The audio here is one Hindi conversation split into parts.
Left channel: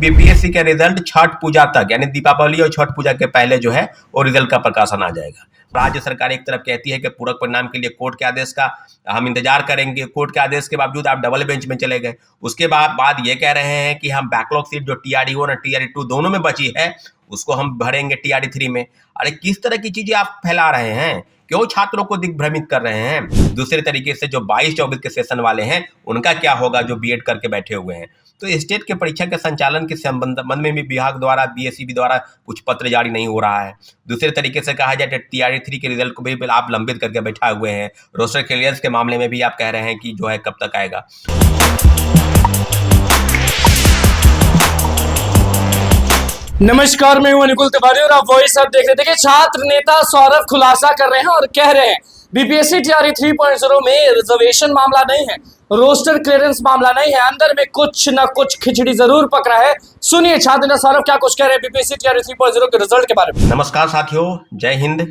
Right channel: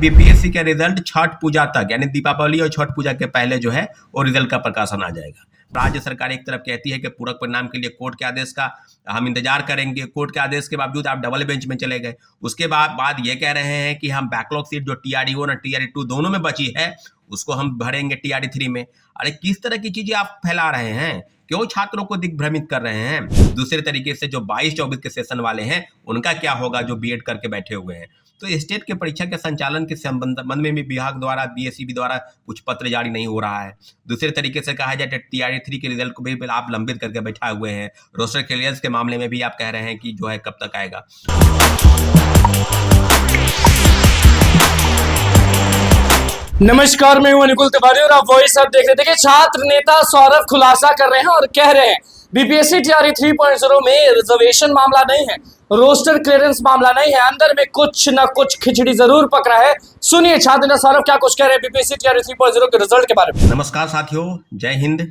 बीपीएससी का रिजल्ट छठ पूजा तक यानी दीपावली और छठ पूजा के पहले जो है वो रिजल्ट का प्रकाशन आ जाएगा। राज्य सरकार एक तरफ कहती है कि पूरक परिणाम के लिए कोर्ट के आदेश का हम इंतजार करेंगे। कोर्ट के आदेश के बावजूद आप डबल बेंच में चले गए। उसके बाद ये कह रहे हैं कि हम बैकलॉग सीट जो TRE-1 और TRE-2 दोनों में बची है उसको हम भरेंगे TRE-3 में। अरे किस तरह की चीजें आप फैला रहे हैं? क्यों छात्रों को दिग्भ्रमित कर रहे हैं? दूसरे तरीके से जो 22-24 के सेशन वाले हैं उनका क्या होगा जो बीएड करके बैठे हुए हैं? तो स्टेट के परीक्षा के संचालन के संबंध में भी विभाग द्वारा BSEB द्वारा कुछ पत्र जारी नहीं हो रहा है। दूसरे तरीके से कहा जाए TRE-3 के रिजल्ट को भी आप लंबित करके बैठा हुए हैं। रोस्टर क्लियरेंस के मामले में भी आप कह रहे हैं कि जो है कब तक आएगा। नमस्कार, मैं हूं अनुकुल तिवारी और आप वॉइस अब देख रहे हैं। देखिए, छात्र नेता सौरभ खुलासा कर रहे हैं और कह रहे हैं बीपीएससी TRE 3.0 में रिजर्वेशन मामला नहीं है, रोस्टर क्लियरेंस मामला नहीं है, अंदर में कुछ न कुछ खिचड़ी जरूर पकड़ा है। सुनिए छात्र नेता सौरभ क्या कुछ कह रहे हैं बीपीएससी TRE 3.0 के रिजल्ट के बारे में। नमस्कार साथियों, जय हिंद।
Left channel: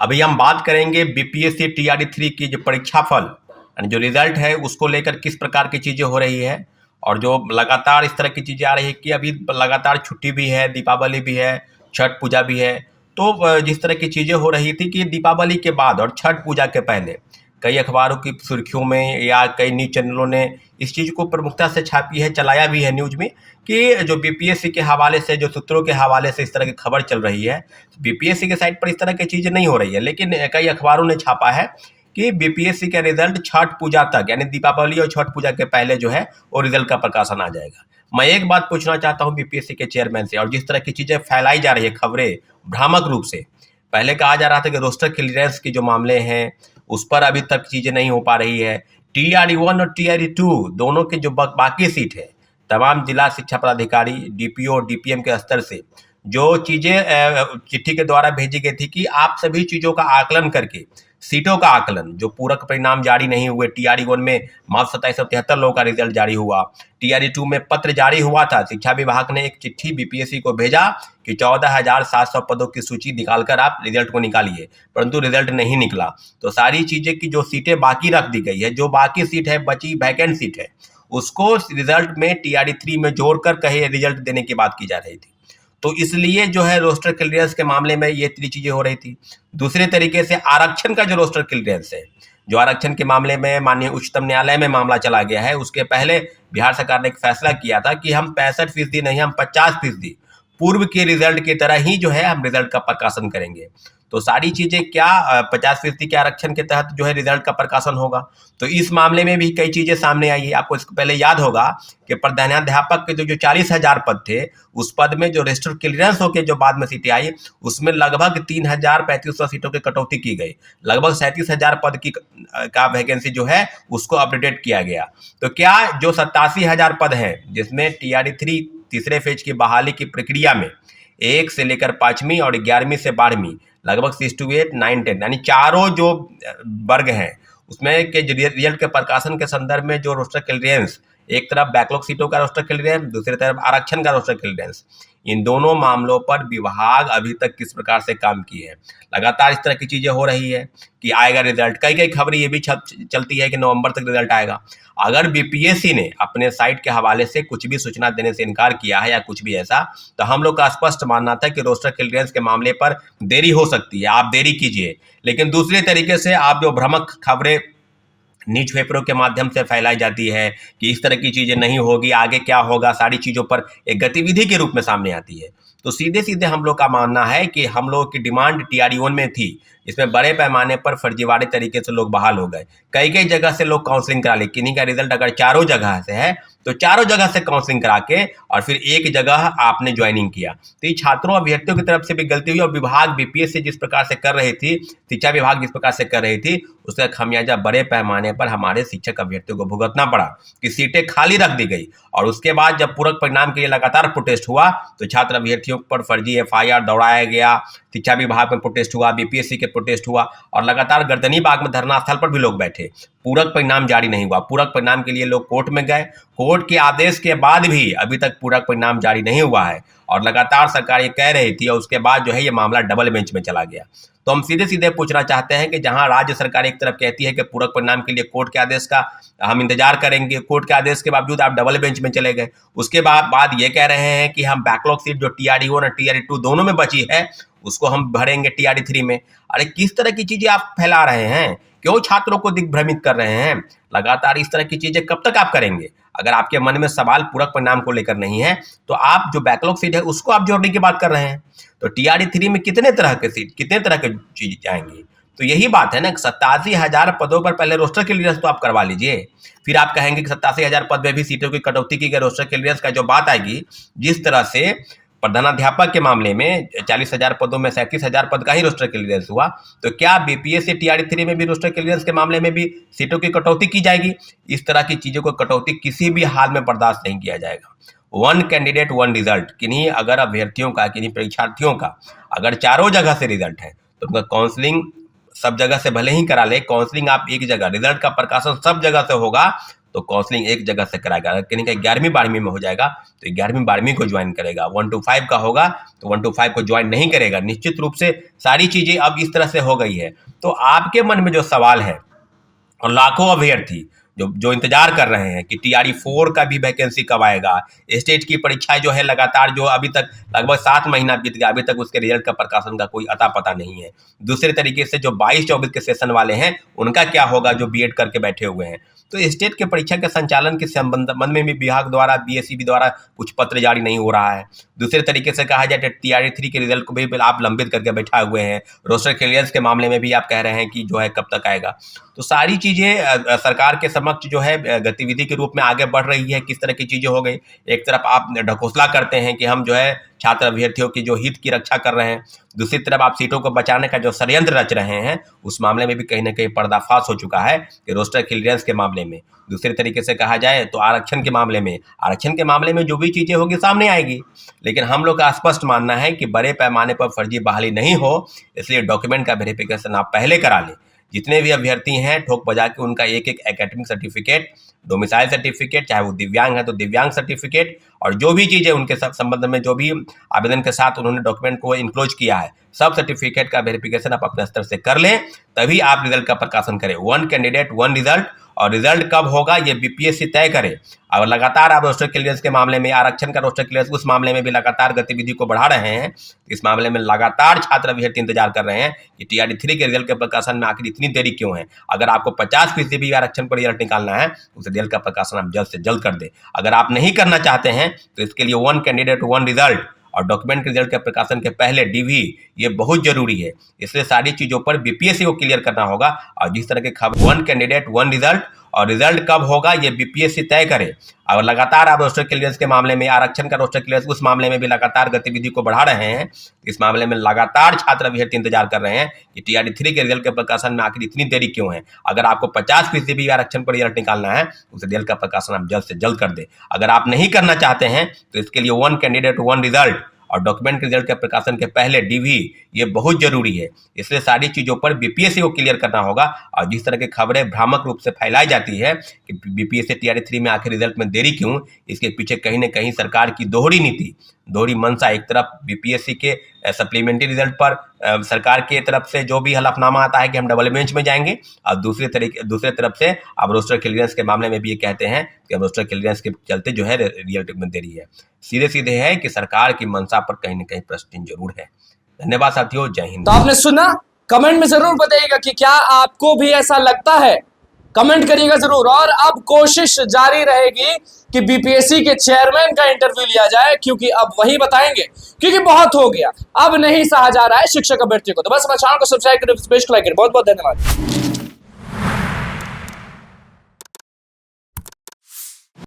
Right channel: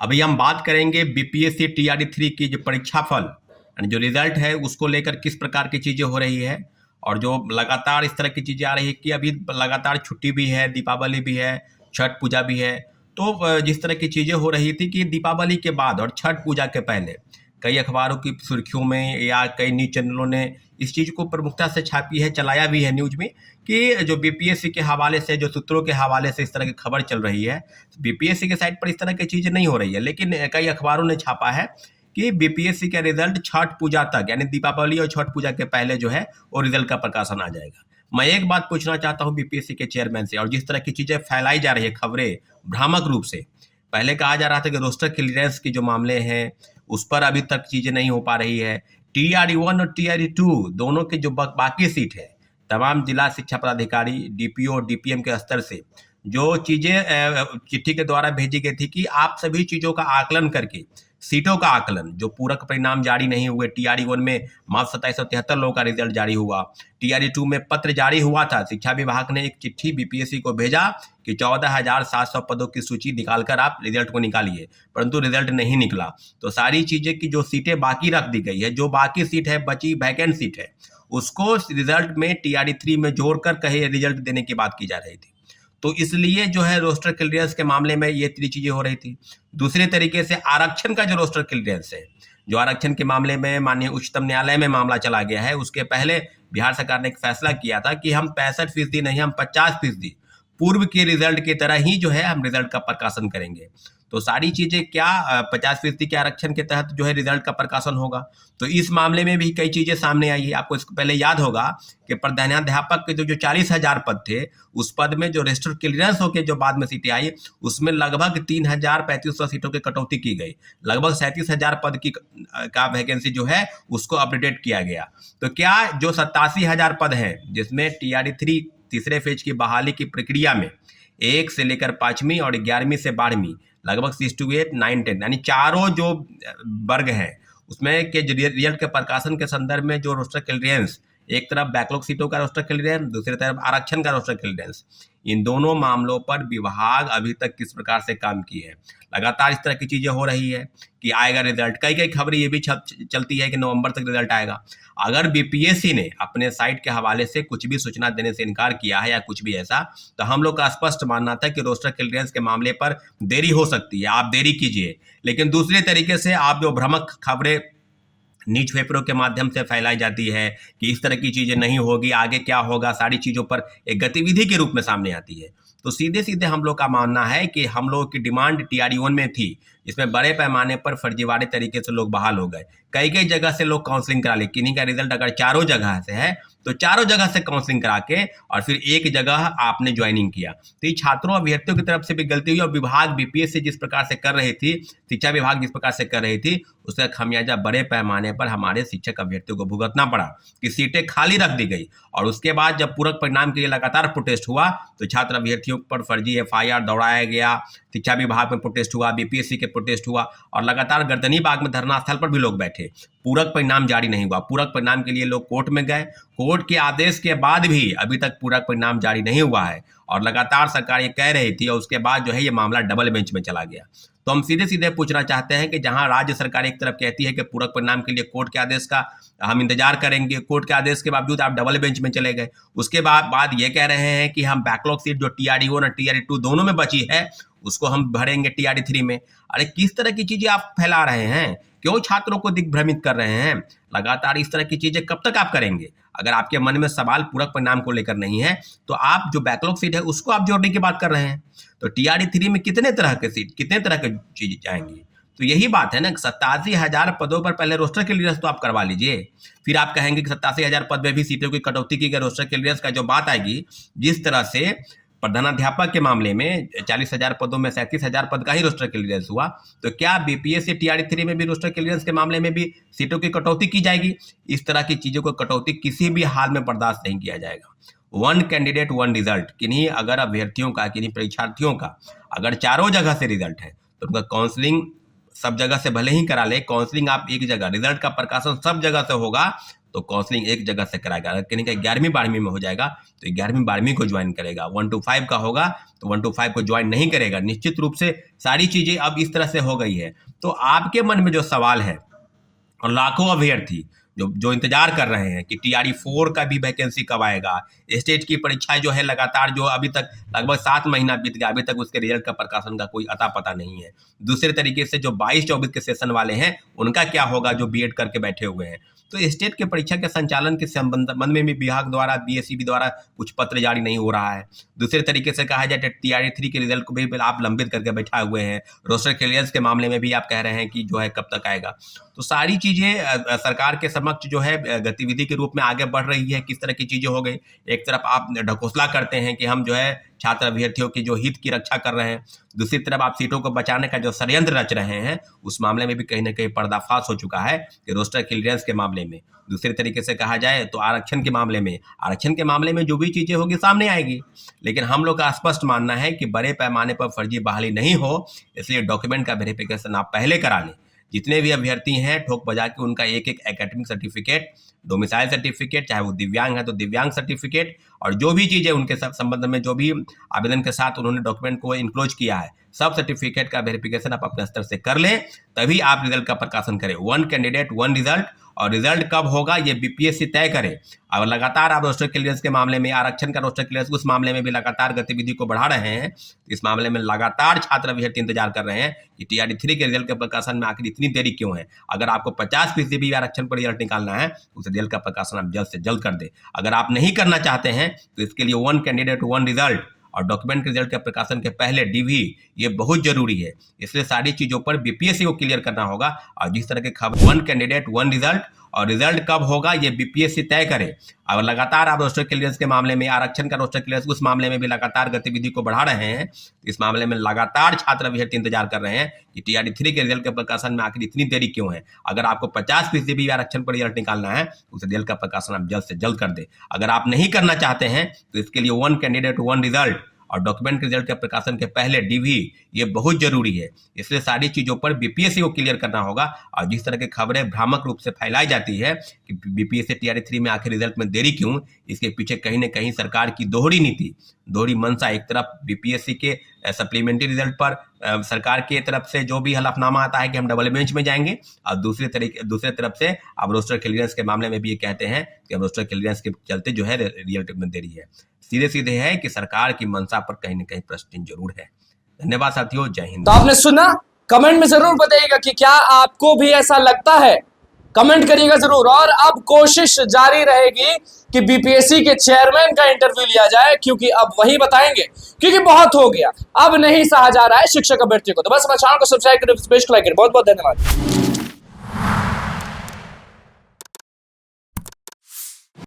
अभी हम बात करेंगे बीपीएससी TRE-3 की जो परीक्षा फल जो रिजल्ट है उसको लेकर किस प्रकार की चीजें हो रही है और जो लगातार इस तरह की चीजें आ रही है कि अभी लगातार छुट्टी भी है, दीपावली भी है, छठ पूजा भी है। तो जिस तरह की चीजें हो रही थी कि दीपावली के बाद और छठ पूजा के पहले कई अखबारों की सुर्खियों में या कई न्यूज चैनलों ने इस चीज को प्रमुखता से छापी है, चलाया भी है न्यूज में कि जो बीपीएससी के हवाले से, जो सूत्रों के हवाले से इस तरह की खबर चल रही है। बीपीएससी के साइट पर इस तरह की चीजें नहीं हो रही है, लेकिन कई अखबारों ने छापा है कि बीपीएससी का रिजल्ट छठ पूजा तक यानी दीपावली और छठ पूजा के पहले जो है वो रिजल्ट का प्रकाशन आ जाएगा। मैं एक बात पूछना चाहता हूं बीपीएससी के चेयरमैन से, और जिस तरह की चीजें फैलाई जा रही है खबरें भ्रामक रूप से, पहले कहा जा रहा था कि रोस्टर क्लियरेंस के जो मामले हैं उस पर अभी तक चीजें नहीं हो पा रही है। TRE-1 और TRE-2 दोनों के जो बाकी सीट है, तमाम जिला शिक्षा पदाधिकारी, DPO और DPM के स्तर से जो चीजें चिट्ठी के द्वारा भेजी गई थी कि आप सभी चीजों का आकलन करके सीटों का आकलन, जो पूरक परिणाम जारी नहीं हुए, TRE-1 में मात्र 2773 लोगों का रिजल्ट जारी हुआ, TRE-2 में पत्र जारी हुआ था, शिक्षा विभाग ने एक चिट्ठी बीपीएससी को भेजा कि 14,700 पदों की सूची निकालकर आप रिजल्ट को निकालिए, परंतु रिजल्ट नहीं निकला। तो सारी चीजें की जो सीटें बाकी रख दी गई है, जो बाकी सीट है, बची वैकेंट सीट है, उसको रिजल्ट में TRE-3 में जोड़कर कहे रिजल्ट देने की बात की जा रही थी। तो इसलिए जो है रोस्टर क्लियरेंस के मामले में ये तीन चीजें हो रही थी। दूसरे तरीके से आरक्षण का जो रोस्टर क्लियरेंस है, जो आरक्षण के मामले में माननीय उच्चतम न्यायालय में मामला चला गया है, उसके पहले बिहार सरकार ने एक फैसला किया था कि हम 65% नहीं, हम 50% पूर्व के रिजल्ट की तरह ही जो है हम रिजल्ट का प्रकाशन करेंगे। तो सारी चीजें क्या 50% के आरक्षण के तहत जो है रिजल्ट का प्रकाशन होगा। तो इस मामले में भी कई चीजें सामने आई है। आपको इसको पहले याद होगा कि प्रधानाध्यापक के जो 40,000 पद थे, उस पद में जो रजिस्टर क्लियरेंस होकर जो बाद में सीटें आई, उसमें लगभग 3,3500 सीटों की कटौती की गई। लगभग 37,000 पद की का वैकेंसी जो है उसको अपडेट किया गया। तो क्या जो 87,000 पद हैं, जिसमें TRE-3 तीसरे फेज की बहाली की प्रक्रिया में 1 से लेकर 5वीं और 11वीं से 12वीं लगभग 6 to 8, 9, 10 यानी चारों जो वर्ग हैं उसमें के रिजल्ट के प्रकाशन के संदर्भ में जो रोस्टर क्लियरेंस, एक तरफ बैकलॉग सीटों का रोस्टर क्लियरेंस, दूसरी तरफ आरक्षण का रोस्टर क्लियरेंस, इन दोनों मामलों पर विभाग अभी तक किस प्रकार से काम की है। लगातार इस तरह की चीजें हो रही है कि आएगा रिजल्ट। कई खबरें ये भी चलती है कि नवंबर तक रिजल्ट आएगा। अगर बीपीएससी ने अपने साइट के हवाले से कुछ भी सूचना देने से इनकार किया है या कुछ भी ऐसा, तो हम लोग का स्पष्ट मानना था कि रोस्टर क्लियरेंस के मामले पर देरी हो सकती है, आप देरी कीजिए। लेकिन दूसरे तरीके से आप जो भ्रामक खबरें न्यूज़पेपरों के माध्यम से फैलाई जाती है कि इस तरह की चीजें नहीं होगी, आगे क्या होगा, सारी चीजों पर एक गतिविधि के रूप में सामने आती है। तो सीधे सीधे हम लोग का मानना है कि हम लोग की डिमांड TRE-1 में थी, इसमें बड़े पैमाने पर फर्जीवाड़े तरीके से लोग बहाल हो गए। कई जगह से लोग काउंसलिंग करा ले, किन्हीं का रिजल्ट अगर चारों जगह से है तो चारों जगह से काउंसलिंग करा के और फिर एक जगह आपने ज्वाइनिंग किया। तो ये छात्रों अभ्यर्थियों की तरफ से भी गलती हुई और विभाग बीपीएससी जिस प्रकार से कर रही थी, शिक्षा विभाग जिस प्रकार से कर रही थी, उसका खामियाजा बड़े पैमाने पर हमारे शिक्षक अभ्यर्थियों को भुगतना पड़ा कि सीटें खाली रख दी गई। और उसके बाद जब पूरक परिणाम के लिए लगातार प्रोटेस्ट हुआ तो छात्र अभ्यर्थियों पर फर्जी FIR दौड़ाया गया, शिक्षा विभाग में प्रोटेस्ट हुआ, बीपीएससी के प्रोटेस्ट हुआ और लगातार गर्दनी बाग में धरना स्थल पर भी लोग बैठे। पूरक परिणाम जारी नहीं हुआ। पूरक परिणाम के लिए लोग कोर्ट में गए, कोर्ट के आदेश के बाद भी अभी तक पूरा परिणाम जारी नहीं हुआ है और लगातार सरकार ये कह रही थी और उसके बाद जो है ये मामला डबल बेंच में चला गया। तो हम सीधे सीधे पूछना चाहते हैं कि जहां राज्य सरकार एक तरफ कहती है कि पूरक परिणाम के लिए कोर्ट के आदेश का हम इंतजार करेंगे, कोर्ट के आदेश के बावजूद आप डबल बेंच में चले गए। उसके बाद ये कह रहे हैं कि हम बैकलॉग सीट जो TRD 1 और TRD 2 दोनों में बची है उसको हम भरेंगे TRD 3 में। अरे किस तरह की चीजें आप फैला रहे हैं? क्यों छात्रों को दिग्भ्रमित कर रहे हैं? लगातार इस तरह की चीजें कब तक आप करेंगे? अगर आपके मन में सवाल पूरक परिणाम को लेकर नहीं है तो आप जो बैकलॉग सीट है उसको आप जोड़ने की बात कर रहे हैं। तो TRD 3 में कितने तरह के सीट, कितने तरह के चीज जाएंगी? तो यही बात है ना, 87,000 पदों पर पहले रोस्टर क्लियरेंस तो आप करवा लीजिए, फिर आप कहेंगे कि 87,000 पद में भी सीटों की कटौती की गई। रोस्टर क्लियरेंस का जो बात आएगी, जिस तरह से प्रधानाध्यापक के मामले में 40,000 पदों में 37,000 पद का ही रोस्टर क्लियरेंस हुआ, तो क्या BPSC TRD 3 में भी रोस्टर क्लियरेंस के मामले में भी सीटों की कटौती की जाएगी? इस तरह की चीजों को कटौती किसी भी हाल में बर्दाश्त नहीं किया जाएगा। 1 कैंडिडेट 1 रिजल्ट, किन्हीं अगर अभ्यर्थियों का, किन्हीं परीक्षार्थियों का अगर चारों जगह से रिजल्ट है तो उनका काउंसलिंग सब जगह से भले ही करा ले, काउंसलिंग आप एक जगह, रिजल्ट का प्रकाशन सब जगह से होगा तो काउंसलिंग एक जगह से कराएगा। अगर किन्हीं का 11वीं 12वीं में हो जाएगा तो 11वीं 12वीं को ज्वाइन करेगा। 1 to 5 का होगा तो 1 to 5 को ज्वाइन नहीं करेगा। निश्चित रूप से सारी चीजें अब इस तरह से हो गई है। तो आपके मन में जो सवाल है और लाखों अभ्यर्थी जो इंतजार कर रहे हैं कि TRD 4 का भी वैकेंसी कब आएगा, स्टेट की परीक्षाएं जो है लगातार, जो अभी तक लगभग 7 महीना बीत गया, अभी तक उसके रिजल्ट का प्रकाशन का कोई अता पता नहीं है। दूसरे तरीके से जो 22-24 के सेशन वाले हैं उनका क्या होगा, जो BEd करके बैठे हुए हैं। तो स्टेट के परीक्षा के संचालन के संबंध में भी विभाग द्वारा, BSEB द्वारा कुछ पत्र जारी नहीं हो रहा है। दूसरे तरीके से कहा जाए तो TRD 3 के रिजल्ट को भी आप लंबित करके बैठा हुए हैं। रोस्टर क्लियरेंस के मामले में भी आप कह रहे हैं कि जो है कब तक आएगा। तो सारी चीजें सरकार के समक्ष जो है गतिविधि के रूप में आगे बढ़ रही है। किस तरह की चीजें हो गई, एक तरफ आप ढकोसला करते हैं कि हम जो है छात्र अभ्यर्थियों की जो हित की रक्षा कर रहे हैं, दूसरी तरफ आप सीटों को बचाने का जो षड्यंत्र रच रहे हैं उस मामले में भी कहीं ना कहीं पर्दाफाश हो चुका है कि रोस्टर क्लियरेंस के मामले में। दूसरे तरीके से कहा जाए तो आरक्षण के मामले में जो भी चीजें होगी सामने आएगी। लेकिन हम लोग का स्पष्ट मानना है कि बड़े पैमाने पर फर्जी बहाली नहीं हो, इसलिए डॉक्यूमेंट का वेरिफिकेशन आप पहले करा लें। जितने भी अभ्यर्थी हैं ठोक बजा के उनका एक एकेडमिक सर्टिफिकेट, डोमिसाइल सर्टिफिकेट, चाहे वो दिव्यांग है तो दिव्यांग सर्टिफिकेट, और जो भी चीज़ें उनके संबंध में जो भी आवेदन के साथ उन्होंने डॉक्यूमेंट को इनक्लोज किया है, सब सर्टिफिकेट का वेरिफिकेशन आप अपने स्तर से कर लें, तभी आप रिजल्ट का प्रकाशन करें। 1 कैंडिडेट 1 रिजल्ट, और रिजल्ट कब होगा ये BPSC तय करे। और लगातार आप रोस्टर क्लियरेंस के मामले में, आरक्षण का रोस्टर क्लियरेंस, उस मामले में भी लगातार गतिविधि को बढ़ा रहे हैं। इस मामले में लगातार छात्र अभ्यर्थी इंतजार कर रहे हैं कि TRD 3 के रिजल्ट के प्रकाशन में आखिर इतनी देरी क्यों है। अगर आपको 50% भी आरक्षण पर रिजल्ट निकालना है उस रिजल्ट का प्रकाशन आप जल्द से जल्द कर दें। अगर आप नहीं करना चाहते हैं तो इसके लिए 1 कैंडिडेट 1 रिजल्ट और डॉक्यूमेंट के रिजल्ट के प्रकाशन के पहले DV ये बहुत जरूरी है। इसलिए सारी चीजों पर BPSC को क्लियर करना होगा। और जिस तरह के खबर 1 कैंडिडेट 1 रिजल्ट और रिजल्ट कब होगा ये BPSC तय करे। और लगातार आप रोस्टर क्लियरेंस के मामले में, आरक्षण का रोस्टर क्लियरेंस, उस मामले में भी लगातार गतिविधि को बढ़ा रहे हैं। इस मामले में लगातार छात्र अभ्यर्थी इंतजार कर रहे हैं कि TRD 3 के रिजल्ट के प्रकाशन में आखिर इतनी देरी क्यों है। अगर आपको 50% भी आरक्षण पर रिजल्ट निकालना है उस रिजल्ट का प्रकाशन आप जल्द से जल्द कर दें। अगर आप नहीं करना चाहते हैं तो इसके लिए 1 कैंडिडेट 1 रिजल्ट और डॉक्यूमेंट के रिजल्ट के प्रकाशन के पहले DV ये बहुत जरूरी है। इसलिए सारी चीजों पर BPSC को क्लियर करना होगा। और जिस तरह की खबरें भ्रामक रूप से फैलाई जाती है कि BPSC TRD 3 में आखिर रिजल्ट में देरी क्यों, इसके पीछे कहीं न कहीं सरकार की दोहरी नीति, दोहरी मंशा, एक तरफ BPSC के सप्लीमेंट्री रिजल्ट पर सरकार की तरफ से जो भी हलफनामा आता है कि हम डबल बेंच में जाएंगे, और दूसरे तरफ से अब रोस्टर क्लियरेंस के मामले में भी ये कहते हैं कि रोस्टर क्लियरेंस के चलते जो है रिजल्ट में देरी है। सीधे है कि सरकार की मंशा पर कहीं न कहीं प्रश्न जरूर है। धन्यवाद साथियों, जय हिंद। तो आपने सुना, कमेंट में जरूर बताइएगा कि क्या आपको भी ऐसा लगता है, कमेंट करिएगा जरूर। और अब कोशिश जारी रहेगी कि BPSC के चेयरमैन का इंटरव्यू लिया जाए, क्योंकि अब वही बताएंगे, क्योंकि बहुत हो गया, अब नहीं सहा जा रहा है शिक्षक अभ्यर्थियों को। तो बस हमारे चैनल को सब्सक्राइब करें, बहुत बहुत धन्यवाद।